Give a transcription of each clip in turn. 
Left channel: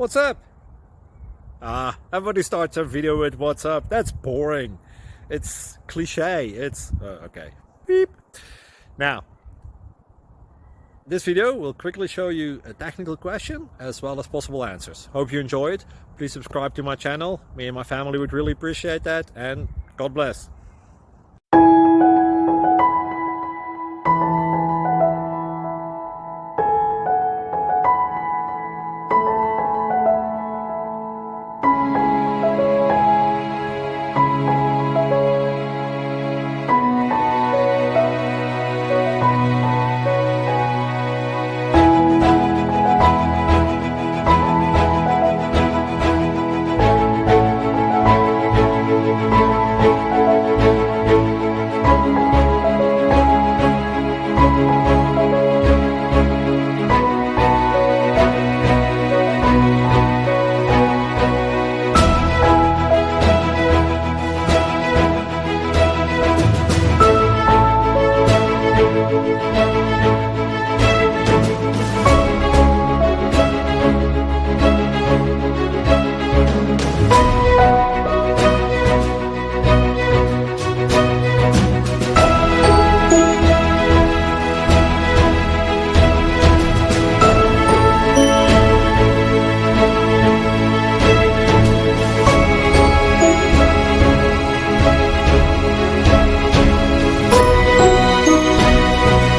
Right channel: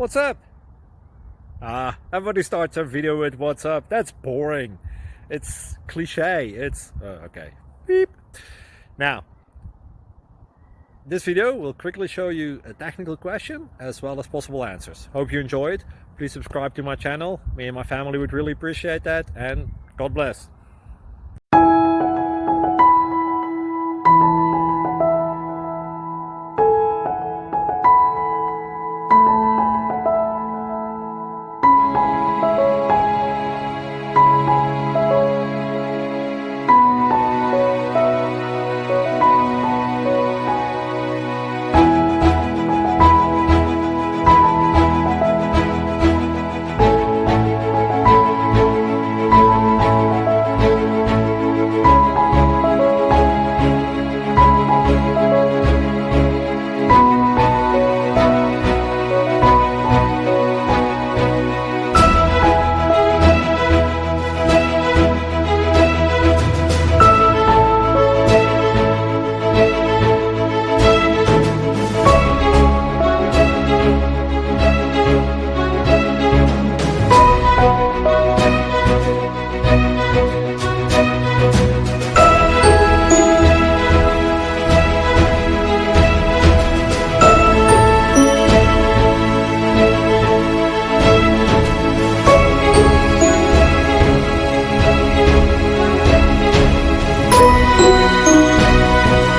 What's up? Everybody starts a video with what's up. That's boring. It's cliche. It's okay. Beep. Now, this video will quickly show you a technical question as well as possible answers. Hope you enjoyed. Please subscribe to my channel. Me and my family would really appreciate that, and God bless.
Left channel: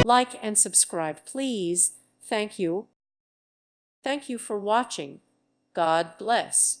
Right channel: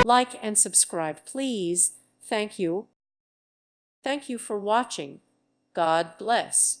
Like and subscribe, please. Thank you. Thank you for watching. God bless.